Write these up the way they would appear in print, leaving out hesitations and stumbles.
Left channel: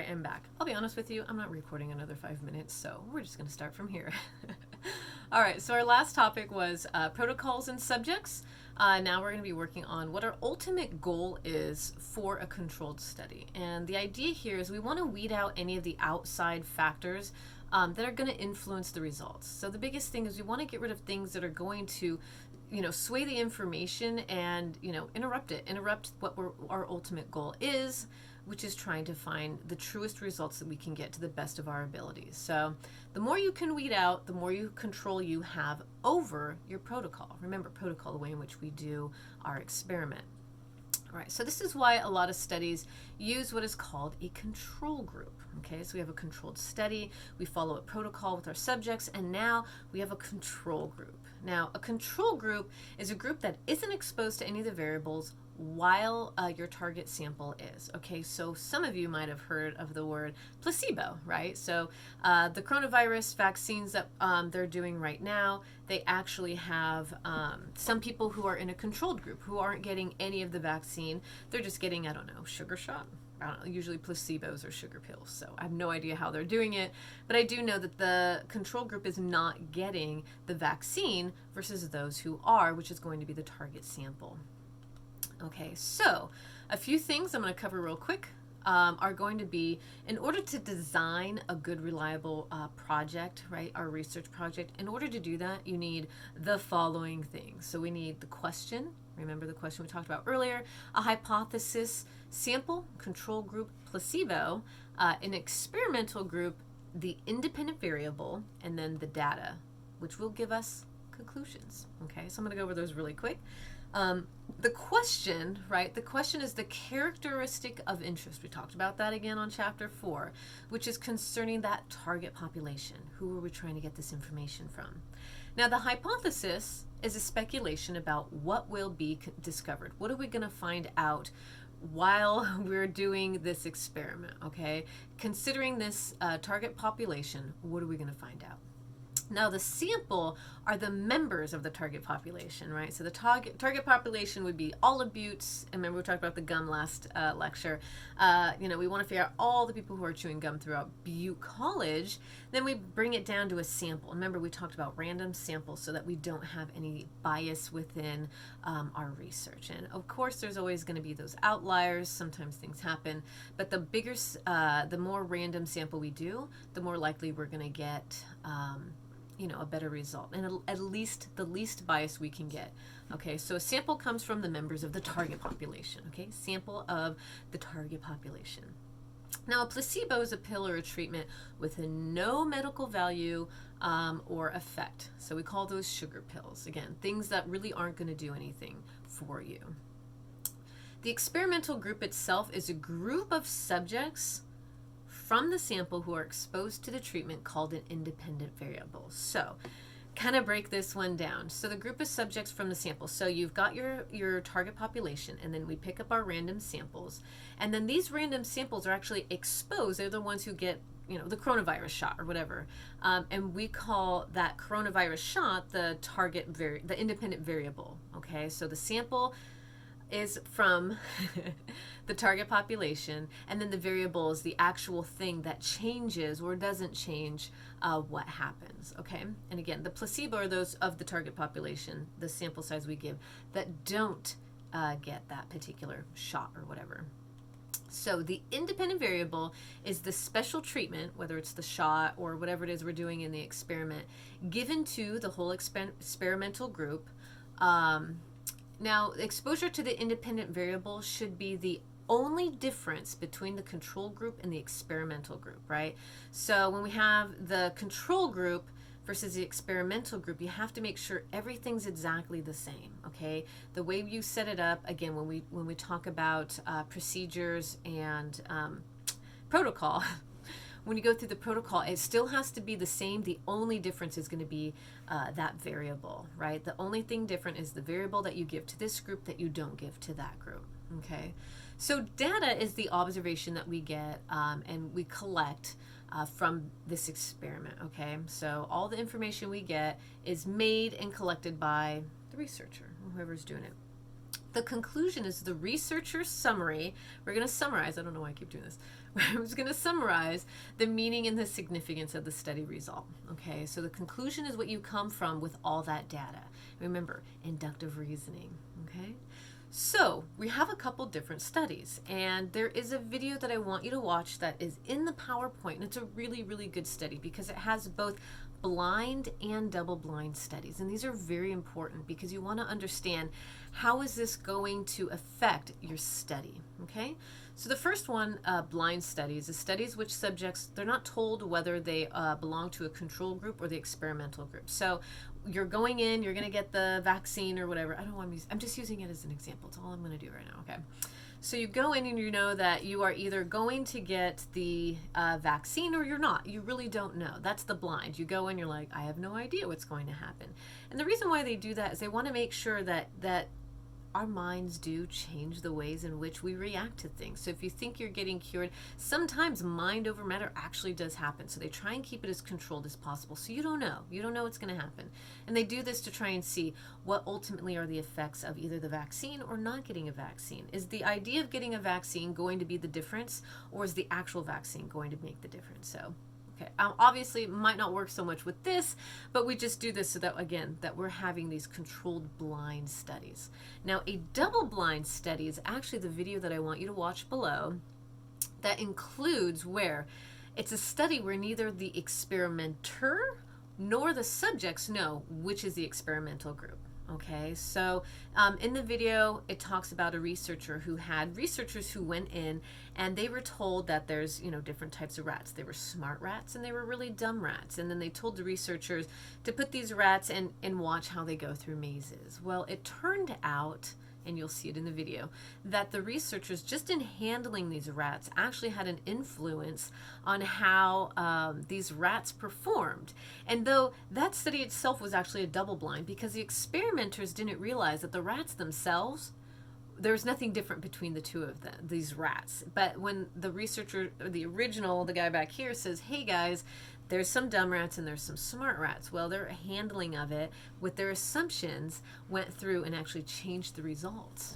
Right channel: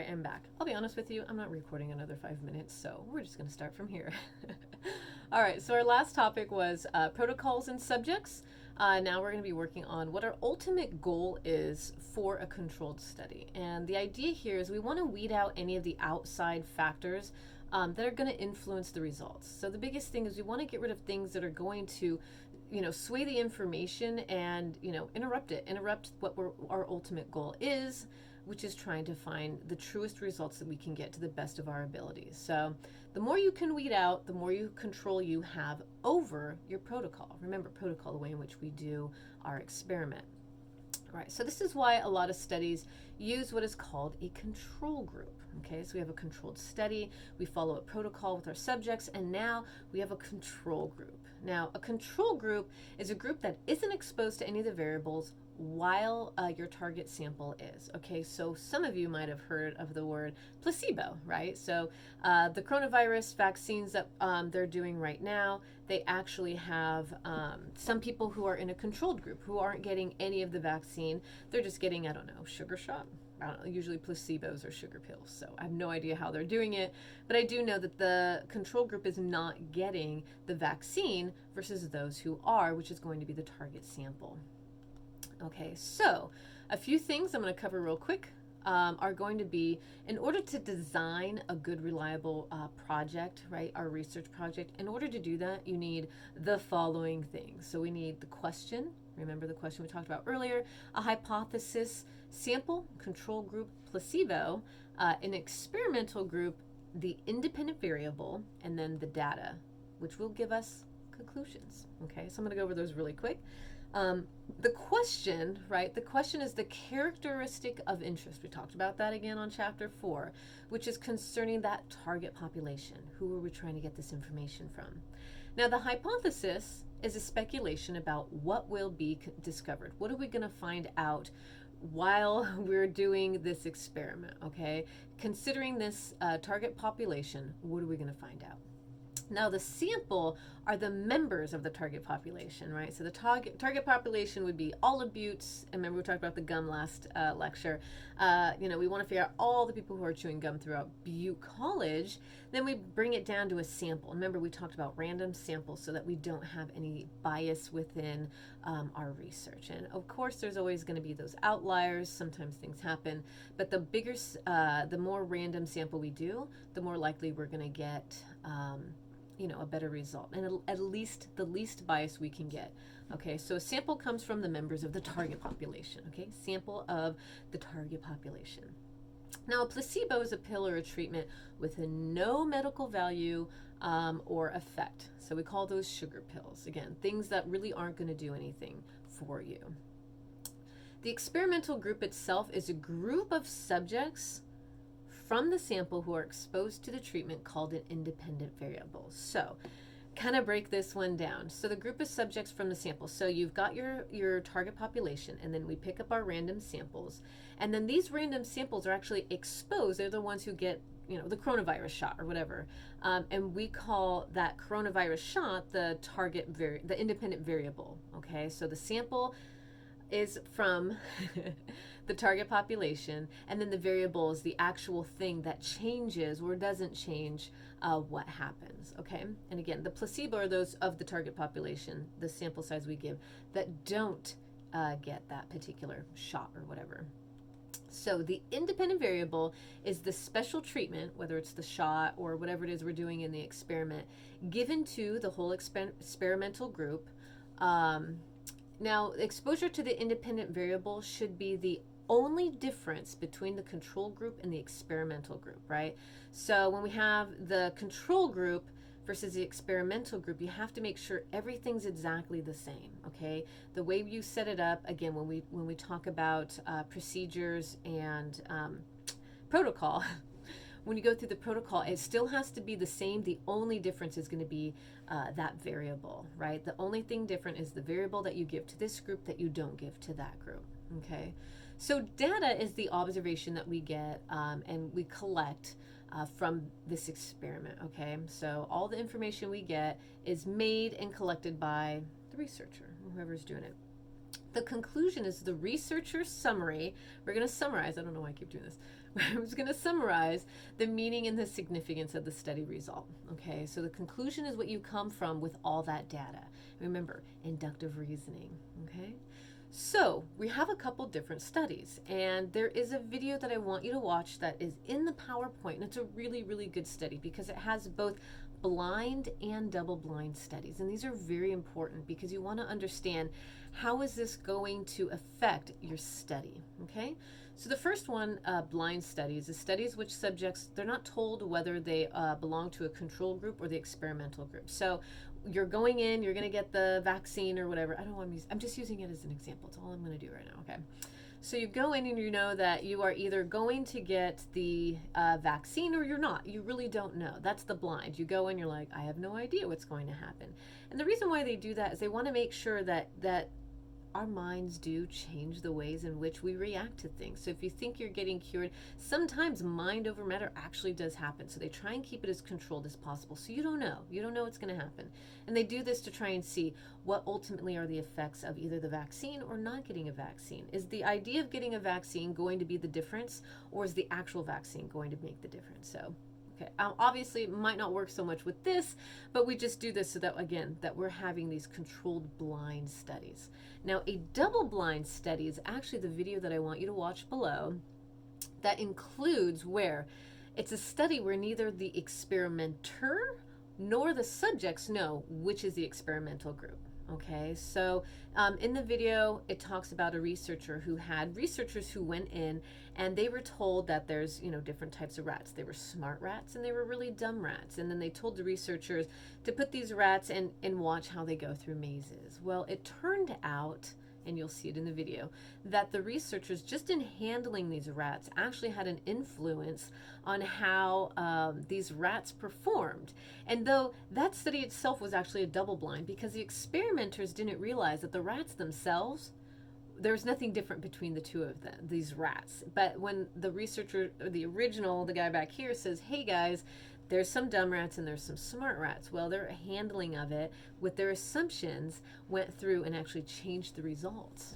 right, I'm back. I'll be honest with you, I'm not recording another 5 minutes, so we're just going to start from here. All right, so our last topic was protocols and subjects. Now we're going to be working on what our ultimate goal is for a controlled study. And the idea here is we want to weed out any of the outside factors that are going to influence the results. So the biggest thing is we want to get rid of things that are going to sway the information and, interrupt what our ultimate goal is, which is trying to find the truest results that we can get to the best of our abilities. So the more you can weed out, the more control you have over your protocol. Remember, protocol, the way in which we do our experiment. All right, so this is why a lot of studies use what is called a control group. Okay, so we have a controlled study, we follow a protocol with our subjects, and now we have a control group. Now, a control group is a group that isn't exposed to any of the variables while your target sample is. Okay, so some of you might have heard of the word placebo, right? So the coronavirus vaccines that they're doing right now, they actually have some people who are in a controlled group who aren't getting any of the vaccine. They're just getting, I don't know, sugar shot. I don't know, usually placebos or sugar pills. So I have no idea how they're doing it, but I do know that the control group is not getting the vaccine versus those who are, which is going to be the target sample. Okay, so a few things I'm going to cover real quick are going to be, in order to design a good, reliable project, right, our research project, in order to do that, you need the following things. So we need the question. Remember the question we talked about earlier, a hypothesis, sample, control group, placebo, an experimental group, the independent variable, and then the data, which will give us conclusions. Okay, so I'm going to go over those really quick. The question, right? The question is the characteristic of interest. We talked about that again on chapter 4, which is concerning that target population. Who are we trying to get this information from? Now, the hypothesis is a speculation about what will be discovered. What are we going to find out while we're doing this experiment, okay? Considering this target population, what are we going to find out? Now, the sample are the members of the target population, right? So the target population would be all of Buttes. And remember, we talked about the gum last lecture. We want to figure out all the people who are chewing gum throughout Butte College. Then we bring it down to a sample. Remember, we talked about random samples so that we don't have any bias within our research. And of course, there's always going to be those outliers. Sometimes things happen. But the more random sample we do, the more likely we're going to get a better result, and at least the least bias we can get. Okay, so a sample comes from the members of the target population. Okay, sample of the target population. Now, a placebo is a pill or a treatment with no medical value or effect. So we call those sugar pills. Again, things that really aren't going to do anything for you. The experimental group itself is a group of subjects from the sample who are exposed to the treatment called an independent variable. So kind of break this one down. So the group of subjects from the sample. So you've got your target population, and then we pick up our random samples. And then these random samples are actually exposed. They're the ones who get the coronavirus shot or whatever. And we call that coronavirus shot the the independent variable. Okay, so the sample is from the target population, and then the variable is the actual thing that changes or doesn't change what happens. Okay, and again, the placebo are those of the target population, the sample size we give, that don't get that particular shot or whatever. So the independent variable is the special treatment, whether it's the shot or whatever it is we're doing in the experiment, given to the whole experimental group. Now, exposure to the independent variable should be the only difference between the control group and the experimental group, right? So when we have the control group versus the experimental group, you have to make sure everything's exactly the same, okay? The way you set it up, again, when we talk about procedures and protocol, when you go through the protocol, it still has to be the same. The only difference is going to be that variable, right? The only thing different is the variable that you give to this group that you don't give to that group, okay? So data is the observation that we get and we collect from this experiment, okay? So all the information we get is made and collected by the researcher, whoever's doing it. The conclusion is the researcher's summary. We're going to summarize. I don't know why I keep doing this. We're just going to summarize the meaning and the significance of the study result. Okay, so the conclusion is what you come from with all that data. Remember, inductive reasoning. Okay, so we have a couple different studies, and there is a video that I want you to watch that is in the PowerPoint, and it's a really, really good study because it has both blind and double-blind studies, and these are very important because you want to understand how is this going to affect your study. Okay, so the first one, blind studies, is studies which subjects, they're not told whether they belong to a control group or the experimental group. So you're going in, you're going to get the vaccine or whatever. I don't want to use, I'm just using it as an example. It's all I'm going to do right now. Okay, so you go in and you know that you are either going to get the vaccine or you're not. You really don't know. That's the blind. You go in, you're like, I have no idea what's going to happen. And the reason why they do that is they want to make sure that our minds do change the ways in which we react to things. So if you think you're getting cured, sometimes mind over matter actually does happen. So they try and keep it as controlled as possible. So you don't know. You don't know what's going to happen. And they do this to try and see what ultimately are the effects of either the vaccine or not getting a vaccine. Is the idea of getting a vaccine going to be the difference, or is the actual vaccine going to make the difference? So okay, obviously it might not work so much with this, but we just do this so that, again, that we're having these controlled blind studies. Now, a double-blind study is actually the video that I want you to watch below that includes where it's a study where neither the experimenter nor the subjects know which is the experimental group. Okay, so in the video, it talks about a researcher who had researchers who went in and they were told that there's, different types of rats. There were smart rats and they were really dumb rats. And then they told the researchers to put these rats and watch how they go through mazes. Well, it turned out, and you'll see it in the video, that the researchers, just in handling these rats, actually had an influence on how these rats performed. And though that study itself was actually a double blind, because the experimenters didn't realize that the rats themselves, there's nothing different between the two of them, these rats. But when the researcher, or the original, the guy back here says, hey guys, there's some dumb rats and there's some smart rats. Well, their handling of it with their assumptions went through and actually changed the results.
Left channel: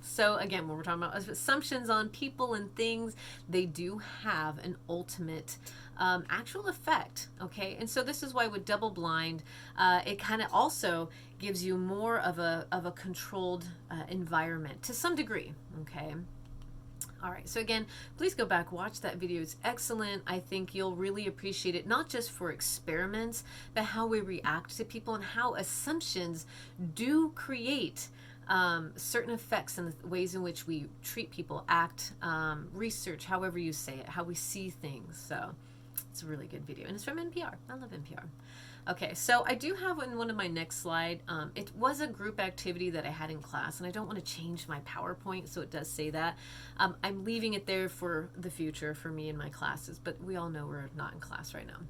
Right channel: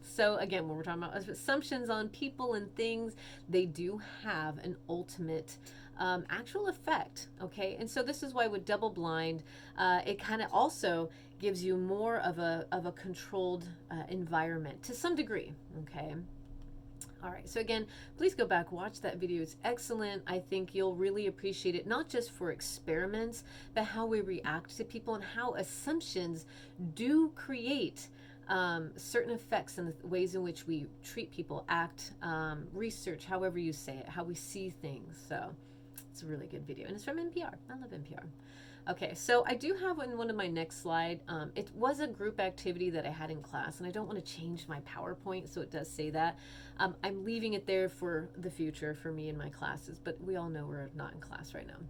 So again, when we're talking about assumptions on people and things, they do have an ultimate actual effect. Okay, and so this is why with double blind, it kind of also gives you more of a controlled environment to some degree. Okay. All right, so again, please go back, watch that video. It's excellent. I think you'll really appreciate it, not just for experiments, but how we react to people and how assumptions do create certain effects and the ways in which we treat people, act, research, however you say it, how we see things. So it's a really good video, and it's from NPR. I love NPR. Okay, so I do have in one of my next slide, it was a group activity that I had in class, and I don't want to change my PowerPoint, so it does say that. I'm leaving it there for the future for me and my classes, but we all know we're not in class right now.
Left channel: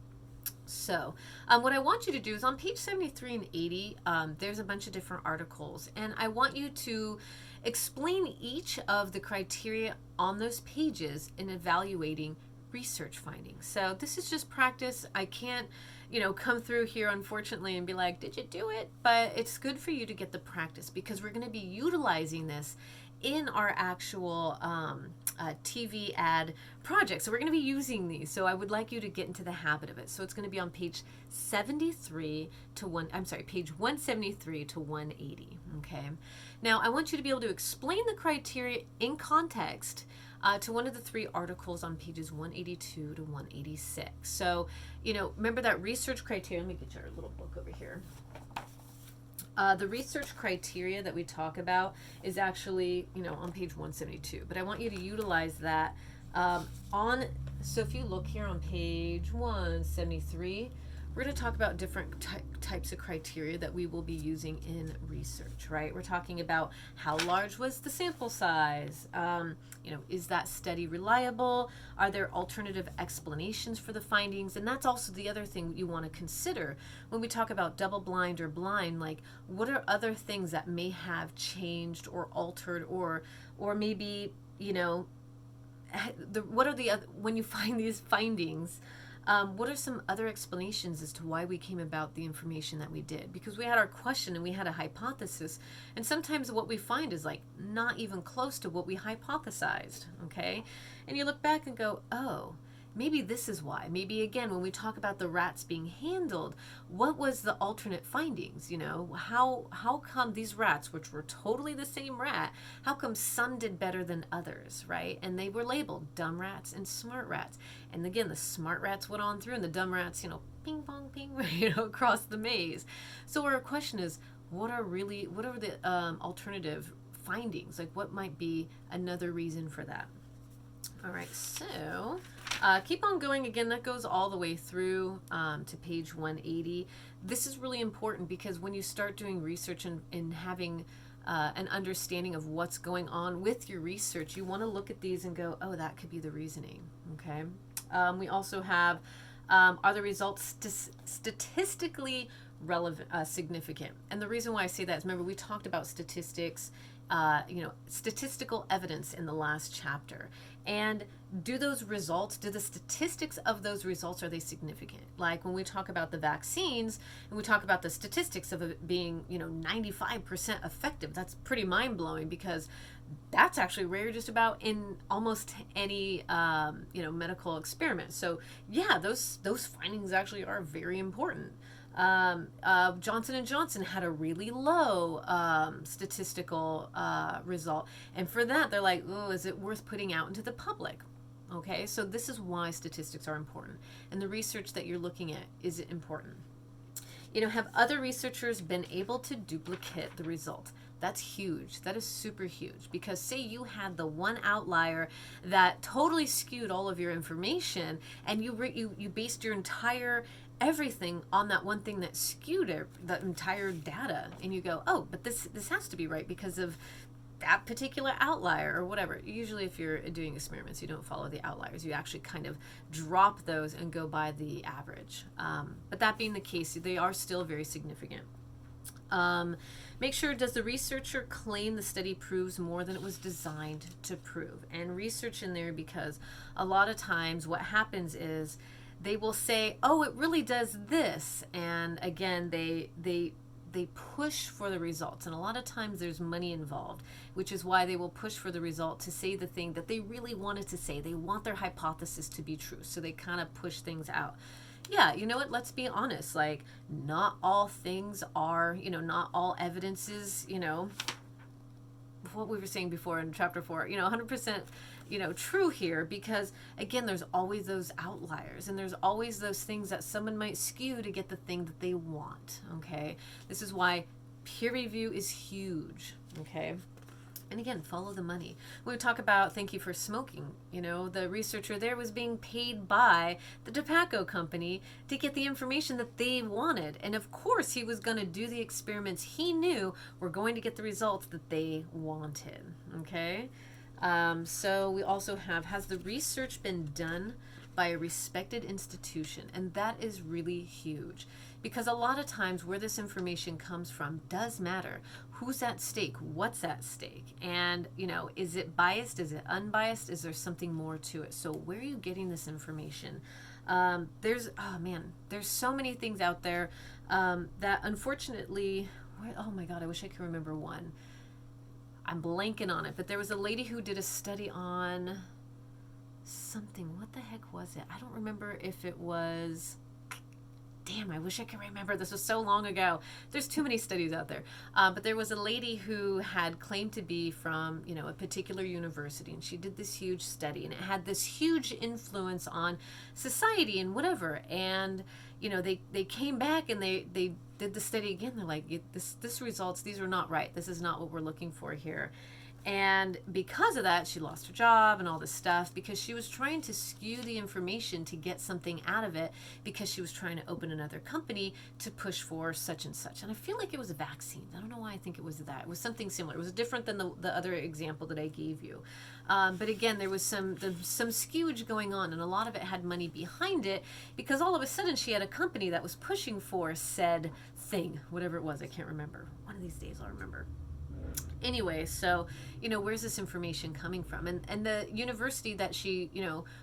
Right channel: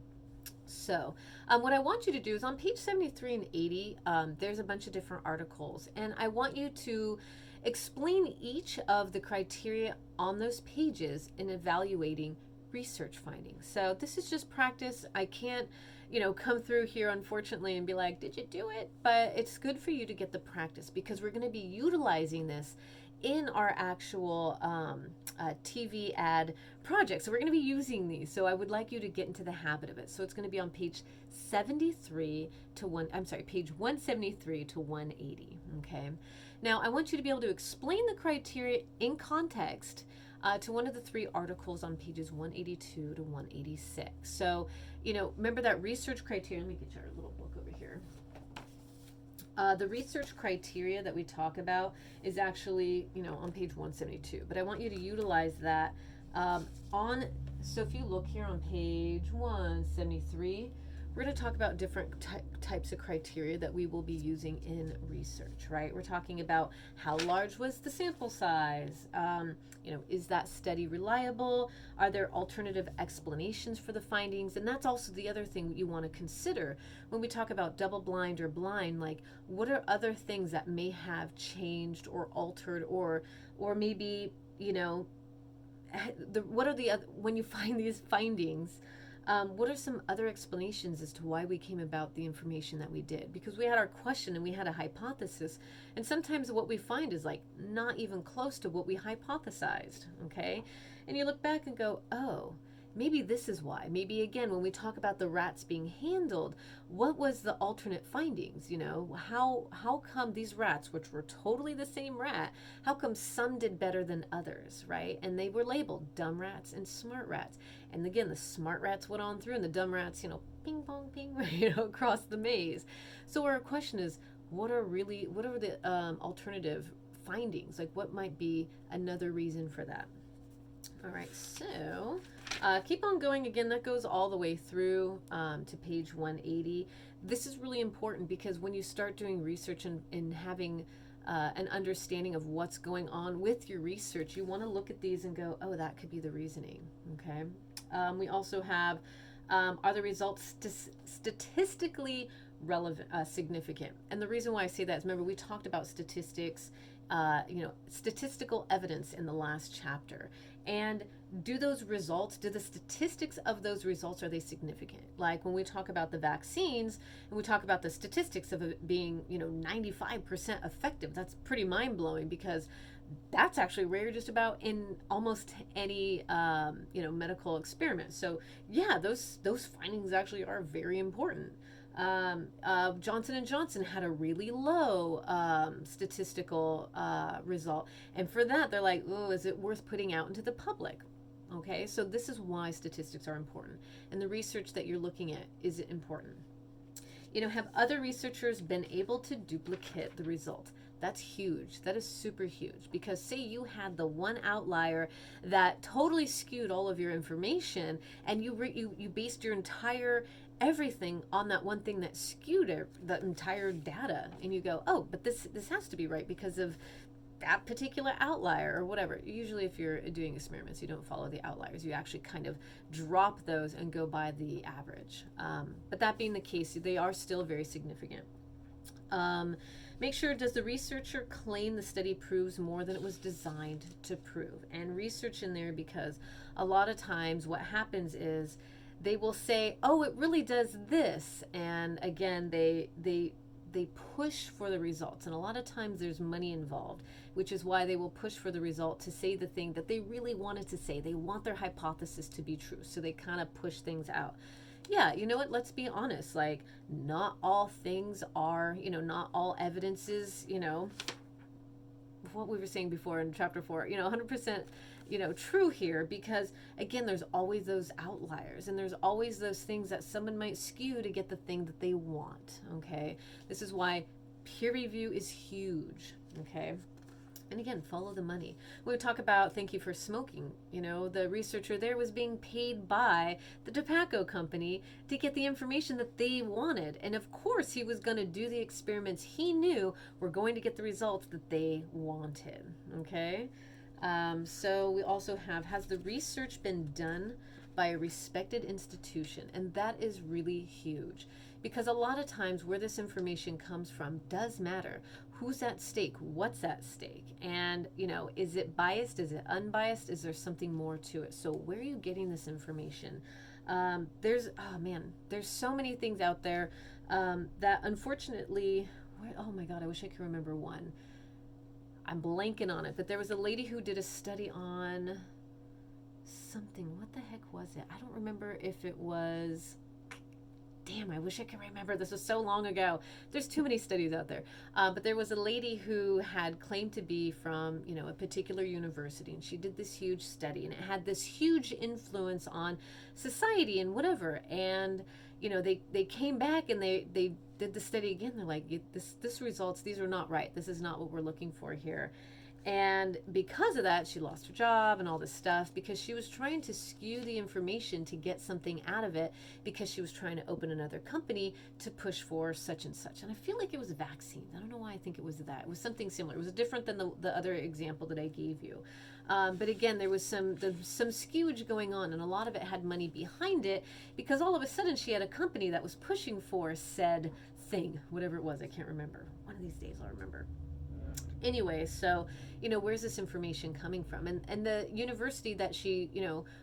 So what I want you to do is on page 73 and 80, there's a bunch of different articles, and I want you to explain each of the criteria on those pages in evaluating research findings. So this is just practice. I can't come through here, unfortunately, and be like, did you do it? But it's good for you to get the practice because we're going to be utilizing this in our actual TV ad project. So we're going to be using these. So I would like you to get into the habit of it. So it's going to be on page 73 to page 173 to 180. Okay. Now I want you to be able to explain the criteria in context to one of the three articles on pages 182 to 186. So, remember that research criteria. Let me get your little book over here. The research criteria that we talk about is actually, on page 172. But I want you to utilize that so if you look here on page 173, we're going to talk about different types of criteria that we will be using in research, right? We're talking about how large was the sample size? Is that study reliable? Are there alternative explanations for the findings? And that's also the other thing you want to consider when we talk about double blind or blind, like what are other things that may have changed or altered or maybe, what are the other, when you find these findings, What are some other explanations as to why we came about the information that we did? Because we had our question and we had a hypothesis, and sometimes what we find is like not even close to what we hypothesized, okay? And you look back and go, oh, maybe this is why. Maybe again, when we talk about the rats being handled, what was the alternate findings? How come these rats, which were totally the same rat, how come some did better than others, right? And they were labeled dumb rats and smart rats. And again, the smart rats went on through, and the dumb rats, ping pong ping, across the maze. So our question is, what are the alternative findings? Like, what might be another reason for that? All right, so keep on going. Again, that goes all the way through to page 180. This is really important because when you start doing research and having an understanding of what's going on with your research, you want to look at these and go, oh, that could be the reasoning. Okay. We also have, are the results statistically relevant, significant? And the reason why I say that is, remember, we talked about statistics, statistical evidence in the last chapter. And do the statistics of those results, are they significant? Like when we talk about the vaccines and we talk about the statistics of it being, 95% effective, that's pretty mind blowing, because that's actually rare just about in almost any, medical experiment. So yeah, those findings actually are very important. Johnson & Johnson had a really low statistical result. And for that, they're like, oh, is it worth putting out into the public? Okay, so this is why statistics are important. And the research that you're looking at, is it important? Have other researchers been able to duplicate the result? That's huge. That is super huge, because say you had the one outlier that totally skewed all of your information, and you based your entire everything on that one thing that skewed it, the entire data, and you go, oh, but this has to be right because of that particular outlier or whatever. Usually if you're doing experiments, you don't follow the outliers. You actually kind of drop those and go by the average. But that being the case, they are still very significant. Make sure, does the researcher claim the study proves more than it was designed to prove? And research in there, because a lot of times what happens is they will say, oh, it really does this. And again, they push for the results. And a lot of times there's money involved, which is why they will push for the result to say the thing that they really wanted to say. They want their hypothesis to be true. So they kind of push things out. Yeah, you know what? Let's be honest. Like, not all things are, not all evidence is, what we were saying before in chapter 4, 100%, true here, because again, there's always those outliers, and there's always those things that someone might skew to get the thing that they want. Okay. This is why peer review is huge. Okay. And again, follow the money. When we talk about thank you for smoking, the researcher there was being paid by the tobacco company to get the information that they wanted. And of course, he was going to do the experiments he knew were going to get the results that they wanted. Okay. So we also have, has the research been done by a respected institution? And that is really huge, because a lot of times where this information comes from does matter. Who's at stake? What's at stake? And, is it biased? Is it unbiased? Is there something more to it? So where are you getting this information? There's so many things out there that unfortunately, oh my God, I wish I could remember one. I'm blanking on it, but there was a lady who did a study on something. What the heck was it? I don't remember if it was... Damn, I wish I could remember. This was so long ago. There's too many studies out there. But there was a lady who had claimed to be from, a particular university, and she did this huge study, and it had this huge influence on society and whatever. And, they came back and they did the study again. They're like, this results, these are not right. This is not what we're looking for here. And because of that, she lost her job and all this stuff, because she was trying to skew the information to get something out of it, because she was trying to open another company to push for such and such. And I feel like it was a vaccine. I don't know why I think it was that. It was something similar. It was different than the other example that I gave you. But again, there was some skewage going on, and a lot of it had money behind it, because all of a sudden she had a company that was pushing for said thing, whatever it was. I can't remember. One of these days I'll remember. Anyway, so, where's this information coming from? And the university that she,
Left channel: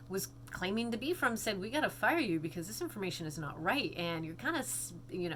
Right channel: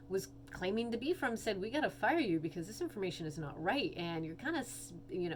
was claiming to be from said, we got to fire you because this information is not right. And you're kind of,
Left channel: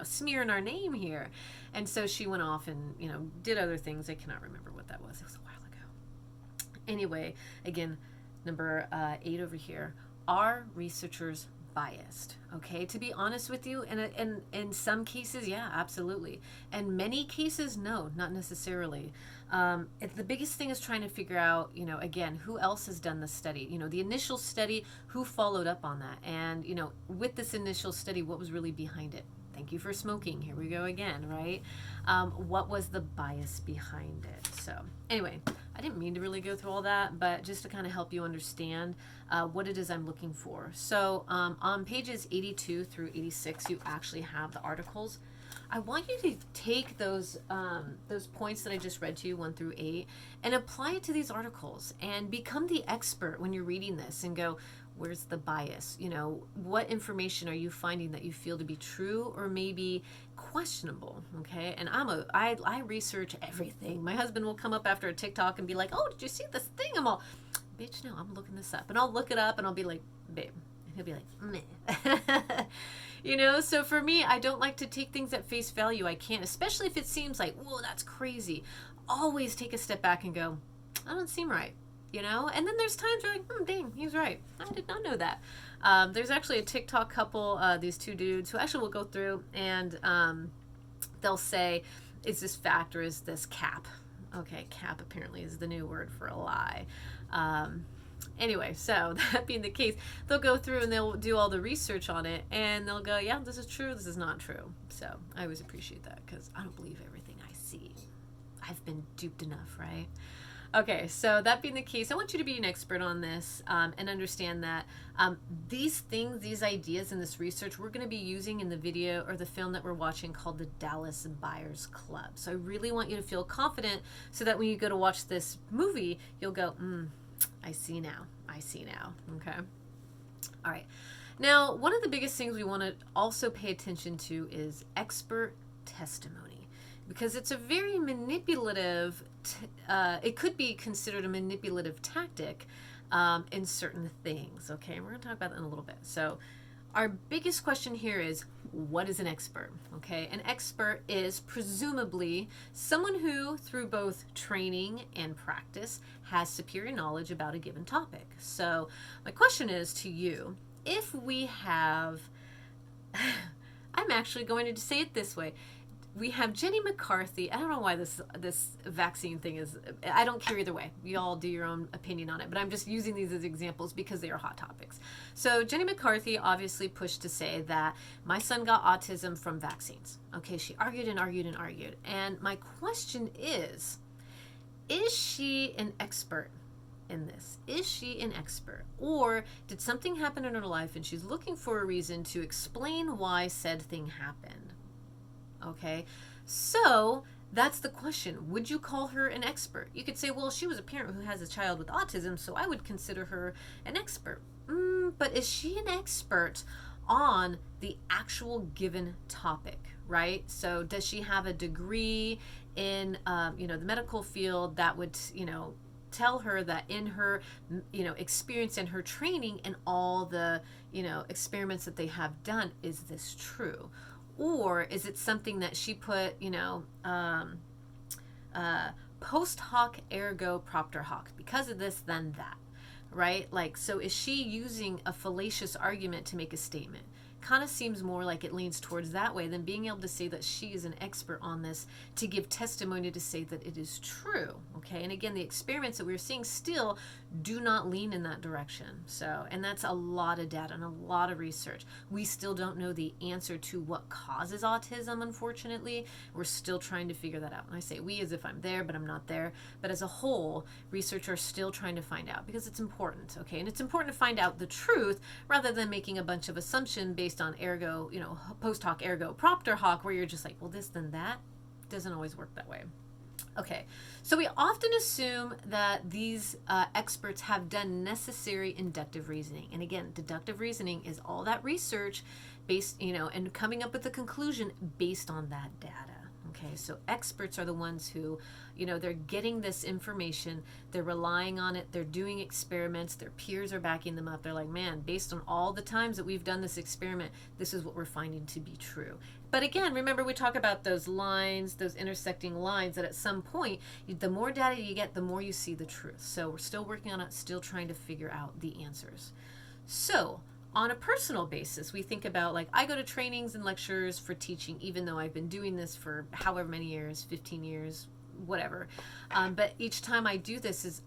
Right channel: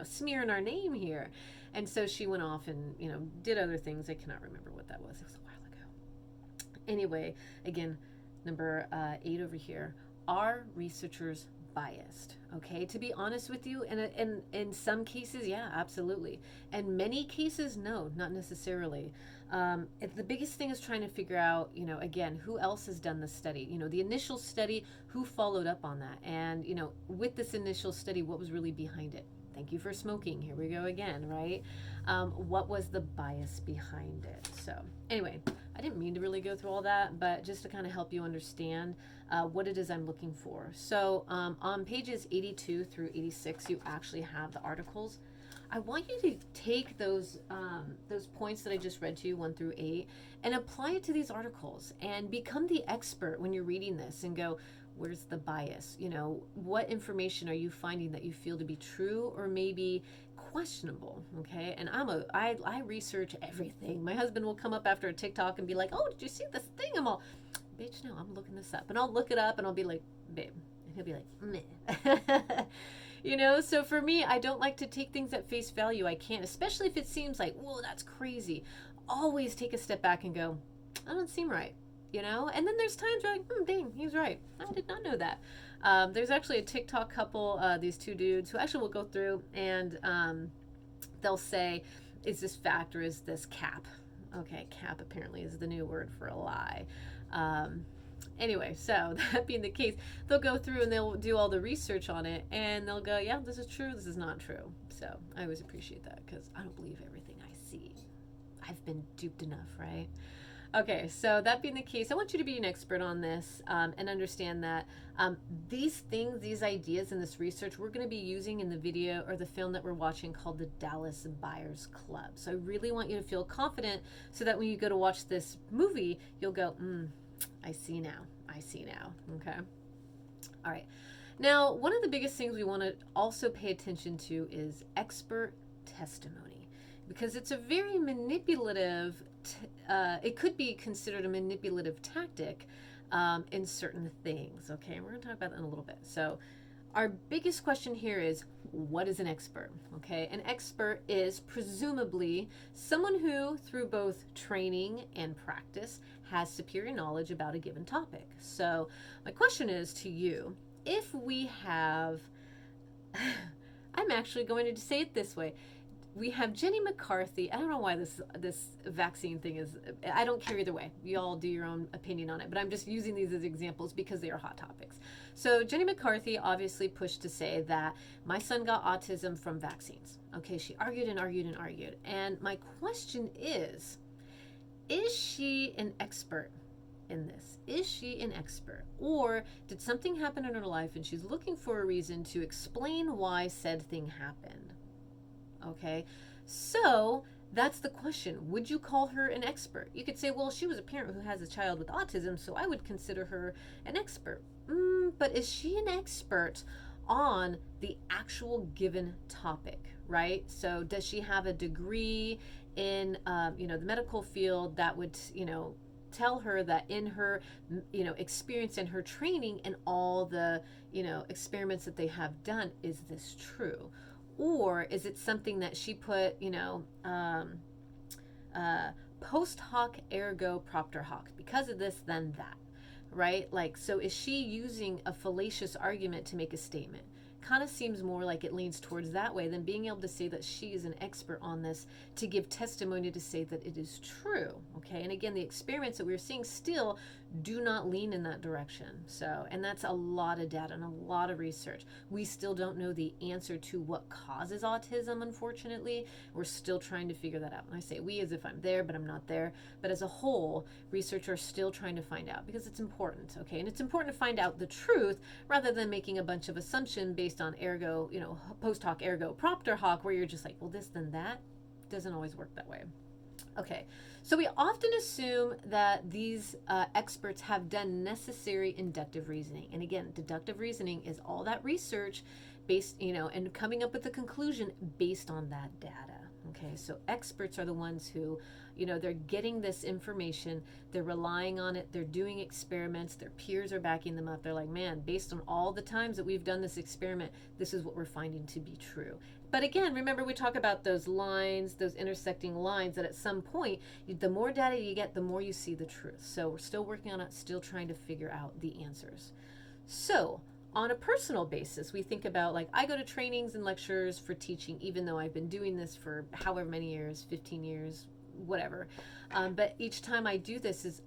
smearing our name here. And so she went off and, did other things. I cannot remember what that was. It was a while ago. Anyway, again, number 8 over here. Are researchers biased? Okay, to be honest with you, and in some cases, yeah, absolutely. And many cases, no, not necessarily. The biggest thing is trying to figure out, again, who else has done the study? The initial study, who followed up on that? And, with this initial study, what was really behind it? Thank you for smoking. Here we go again, right? What was the bias behind it? So, anyway, I didn't mean to really go through all that, but just to kind of help you understand what it is I'm looking for. So, on pages 82 through 86, you actually have the articles. I want you to take those points that I just read to you, 1 through 8, and apply it to these articles and become the expert when you're reading this and go, where's the bias? What information are you finding that you feel to be true or maybe questionable? Okay. And I research everything. My husband will come up after a TikTok and be like, oh, did you see this thing? I'm all, bitch, no, I'm looking this up. And I'll look it up and I'll be like, babe. And he'll be like, meh. So for me, I don't like to take things at face value. I can't, especially if it seems like, whoa, that's crazy. Always take a step back and go, that doesn't seem right. And then there's times where like, dang, he's right. I did not know that. There's actually a TikTok couple, these two dudes who actually will go through and they'll say, is this fact or is this cap? Okay, cap apparently is the new word for a lie. Anyway, so that being the case, they'll go through and they'll do all the research on it and they'll go, yeah, this is true, this is not true. So I always appreciate that because I don't believe everything I see. I've been duped enough, right? Okay, so that being the case, I want you to be an expert on this and understand that these things, these ideas and this research we're going to be using in the video or the film that we're watching called the Dallas Buyers Club. So I really want you to feel confident so that when you go to watch this movie, you'll go, I see now. I see now. Okay. All right. Now, one of the biggest things we want to also pay attention to is expert testimony because it's a very manipulative it could be considered a manipulative tactic in certain things. Okay, and we're going to talk about that in a little bit. So our biggest question here is, what is an expert? Okay, an expert is presumably someone who, through both training and practice, has superior knowledge about a given topic. So my question is to you, if we have, I'm actually going to say it this way, we have Jenny McCarthy. I don't know why this vaccine thing is, I don't care either way. You all do your own opinion on it, but I'm just using these as examples because they are hot topics. So Jenny McCarthy obviously pushed to say that my son got autism from vaccines. Okay, she argued and argued and argued. And my question is she an expert in this? Is she an expert? Or did something happen in her life and she's looking for a reason to explain why said thing happened? Okay, so that's the question. Would you call her an expert? You could say, well, she was a parent who has a child with autism, so I would consider her an expert. But is she an expert on the actual given topic, right? So does she have a degree in, the medical field that would, tell her that in her, experience and her training and all the, experiments that they have done, is this true? Or is it something that she put, post hoc ergo propter hoc, because of this, then that, right? Like, so is she using a fallacious argument to make a statement? Kind of seems more like it leans towards that way than being able to say that she is an expert on this to give testimony to say that it is true. Okay, and again, the experiments that we're seeing still do not lean in that direction. So, and that's a lot of data and a lot of research. We still don't know the answer to what causes autism, unfortunately. We're still trying to figure that out. And I say we as if I'm there, but I'm not there. But as a whole, researchers are still trying to find out because it's important, okay? And it's important to find out the truth rather than making a bunch of assumptions based on ergo, post hoc ergo propter hoc, where you're just like, well, this, then that. Doesn't always work that way. Okay, so we often assume that these experts have done necessary inductive reasoning. And again, deductive reasoning is all that research based, and coming up with a conclusion based on that data. Okay, so experts are the ones who, they're getting this information, they're relying on it, they're doing experiments, their peers are backing them up. They're like, man, based on all the times that we've done this experiment, this is what we're finding to be true. But again, remember we talk about those lines, those intersecting lines, that at some point, the more data you get, the more you see the truth. So we're still working on it, still trying to figure out the answers. So on a personal basis, we think about, like, I go to trainings and lectures for teaching, even though I've been doing this for however many years, 15 years, whatever. But each time I do this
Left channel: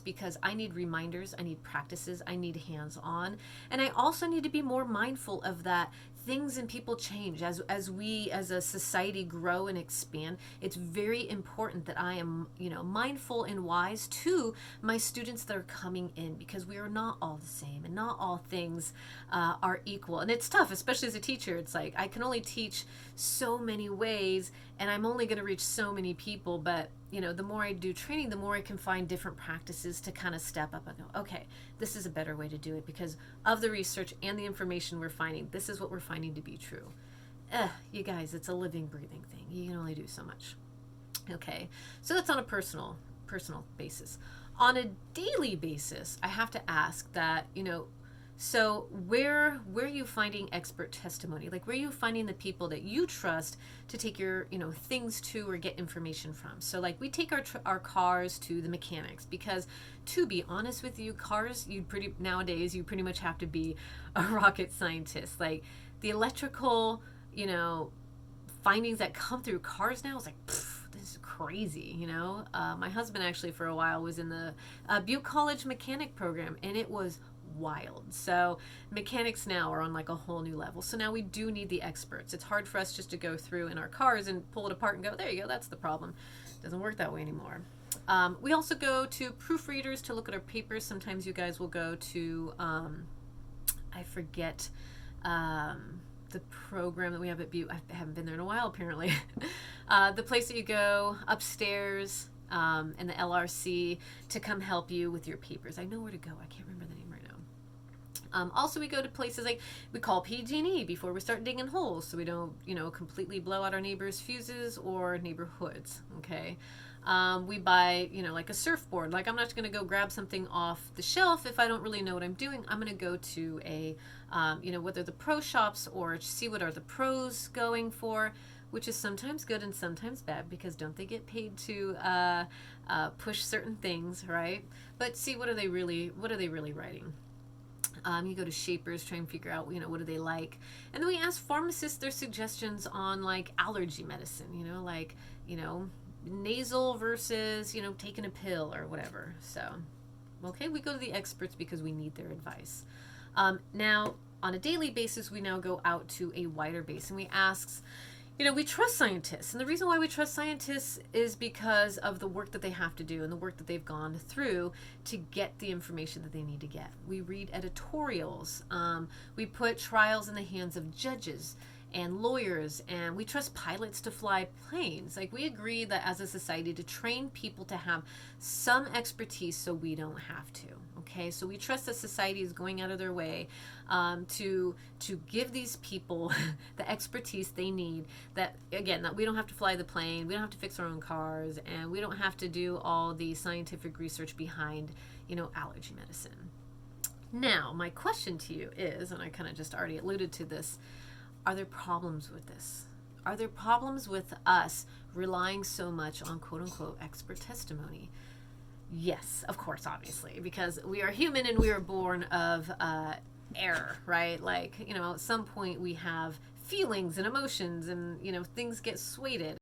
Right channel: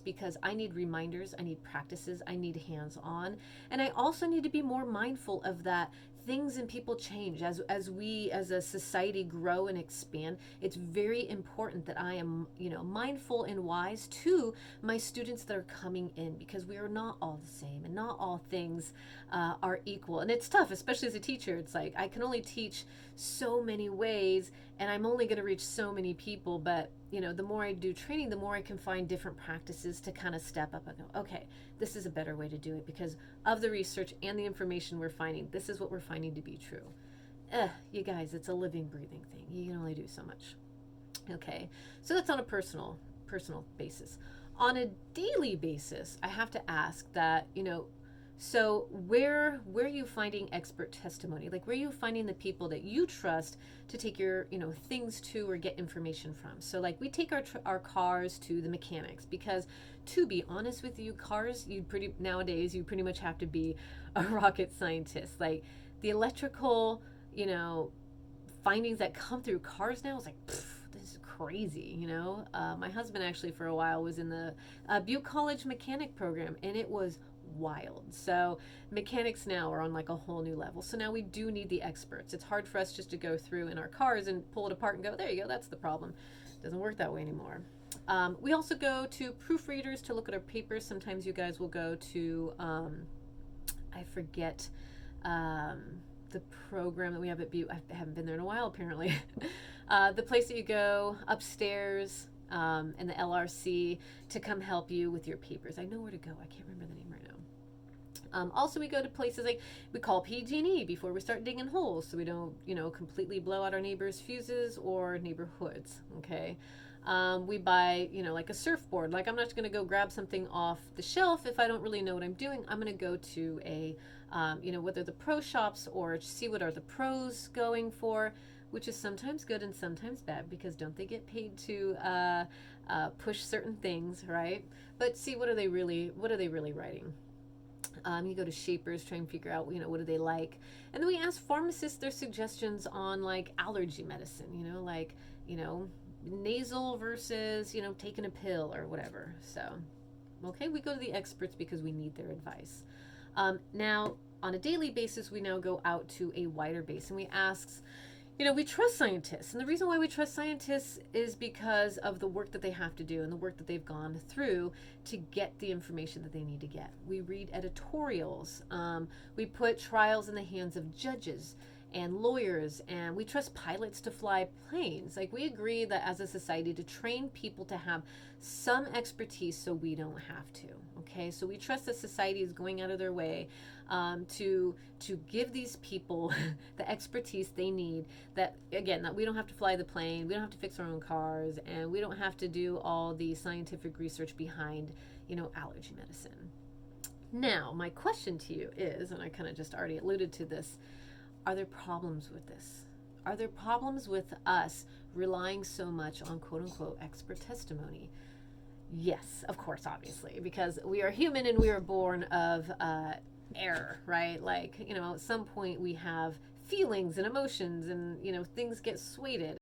because I need reminders, I need practices, I need hands-on, and I also need to be more mindful of that things and people change as we as a society grow and expand. It's very important that I am, mindful and wise to my students that are coming in, because we are not all the same and not all things are equal. And it's tough, especially as a teacher. It's like I can only teach so many ways and I'm only going to reach so many people. But the more I do training, the more I can find different practices to kind of step up and go, okay, this is a better way to do it because of the research and the information we're finding. This is what we're finding to be true. You guys, it's a living, breathing thing. You can only do so much. Okay, so that's on a personal basis. On a daily basis, I have to ask that, so where are you finding expert testimony? Like, where are you finding the people that you trust to take your, things to or get information from? So like we take our cars to the mechanics, because to be honest with you, cars, nowadays you pretty much have to be a rocket scientist. Like the electrical, findings that come through cars now is like, this is crazy, My husband actually for a while was in the Butte College mechanic program, and it was wild. So mechanics now are on like a whole new level. So now we do need the experts. It's hard for us just to go through in our cars and pull it apart and go, there you go, that's the problem. It doesn't work that way anymore. We also go to proofreaders to look at our papers. Sometimes you guys will go to, I forget the program that we have at Butte. I haven't been there in a while, apparently. The place that you go upstairs, and the LRC to come help you with your papers. I know where to go. I can't remember the name right now. Also, we go to places like we call PG&E before we start digging holes, so we don't, completely blow out our neighbors' fuses or neighborhoods. Okay. We buy, like a surfboard. Like I'm not going to go grab something off the shelf if I don't really know what I'm doing. I'm going to go to a, whether the pro shops or see what are the pros going for, which is sometimes good and sometimes bad, because don't they get paid to push certain things, right? But see what are they really writing. You go to shapers, try and figure out, what do they like, and then we ask pharmacists their suggestions on like allergy medicine, like nasal versus taking a pill or whatever. So okay, we go to the experts because we need their advice. Now on a daily basis, we now go out to a wider base and we ask, we trust scientists. And the reason why we trust scientists is because of the work that they have to do and the work that they've gone through to get the information that they need to get. We read editorials. We put trials in the hands of judges and lawyers, and we trust pilots to fly planes. Like we agree that as a society to train people to have some expertise so we don't have to. Okay, so we trust that society is going out of their way to give these people the expertise they need, that again, that we don't have to fly the plane, we don't have to fix our own cars, and we don't have to do all the scientific research behind allergy medicine. Now my question to you is, and I kind of just already alluded to this, are there problems with this? Are there problems with us relying so much on quote unquote expert testimony? Yes, of course, obviously, because we are human and we are born of error, right? Like, at some point we have feelings and emotions and, things get swayed.